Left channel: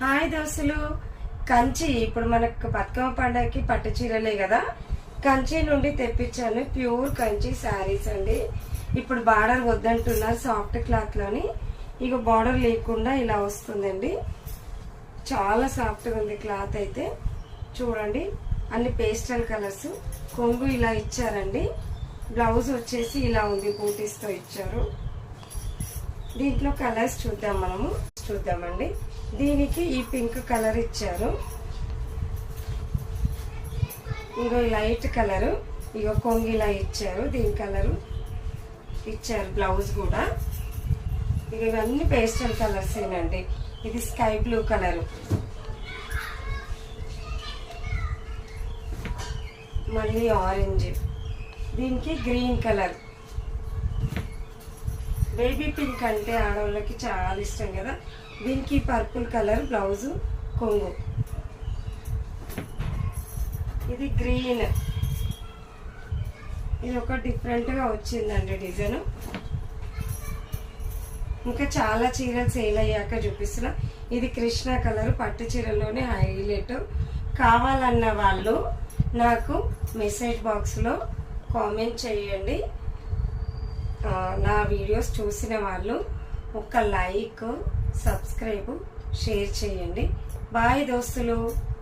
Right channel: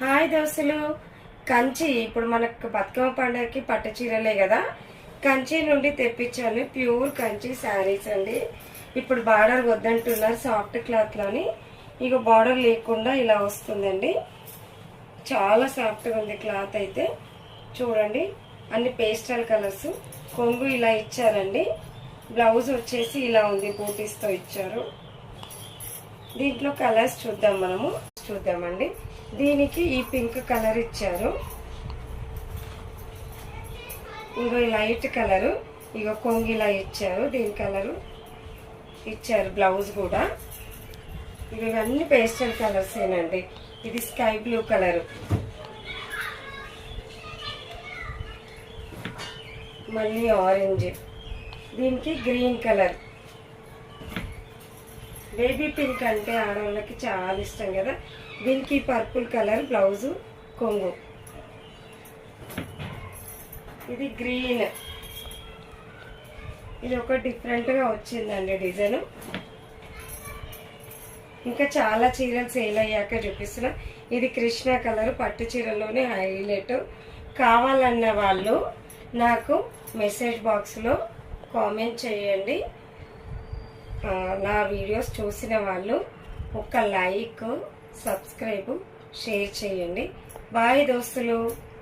Hi దోస్తులు, కంచి ఇప్పుడు మనకు బతుకమ్మ పండగకి పట్టు చీరలే కదా, కంచి నుండి తెప్పించాను. ప్యూర్ కంచి శారీస్ అండి. ఇప్పుడు బార్డర్ వద్దంటున్నారు, సాఫ్ట్ క్లాత్ లోని. ఇక బార్డర్ లేకుండా ఇలా వస్తుందండి. చాలా సాఫ్ట్గా ఉంది క్లాత్ అయితే. చూడండి, అన్ని పేస్టల్ కలర్స్. కొంగు ఇలా ఇచ్చారండి. బ్లౌజ్ వచ్చేసి ఇలా ఉంది, బూటీస్తో ఇచ్చారు. దీంట్లో కలర్స్ చూద్దామండి. దీనికి ఈ పింక్ కలర్ ఇచ్చారు. ఇంకో లైట్ కలరు, ఇగో కొంగు ఇలా ఇచ్చారు. దీని కలరు ఇచ్చారు, బ్లౌజ్ కూడా. ఇవన్నీ పేస్టల్ కలర్స్ ఏనండి. ఇది స్కై బ్లూ కలరు, మళ్ళీ ఆరెంజ్, దీనికి గ్రీన్ కలర్. బేబీ పింక్ అంటే ఆడవాళ్ళకి చాలా ఇష్టం కదా. దీనికి పర్పుల్ కలర్ బ్లౌజు, కొంగు. ఇది గ్రీన్. ఇది ఒక డిఫరెంట్గా వచ్చిందండి డిజైన్. ఇంకా చాలా చీరలు సేల్ అయ్యాక చూపిస్తున్నా. ఇది కృష్ణ కలర్, పట్టు చీరలోనే హైలైట్. కావాలన్న వాళ్ళు నాకు మెసేజ్ బాక్స్లో కామెంట్ చేయండి. నా వీడియోస్ చూసిన వాళ్ళు ఒక లైక్, సబ్స్క్రైబ్, షేర్ చేయండి. బాయ్ దోస్తులు.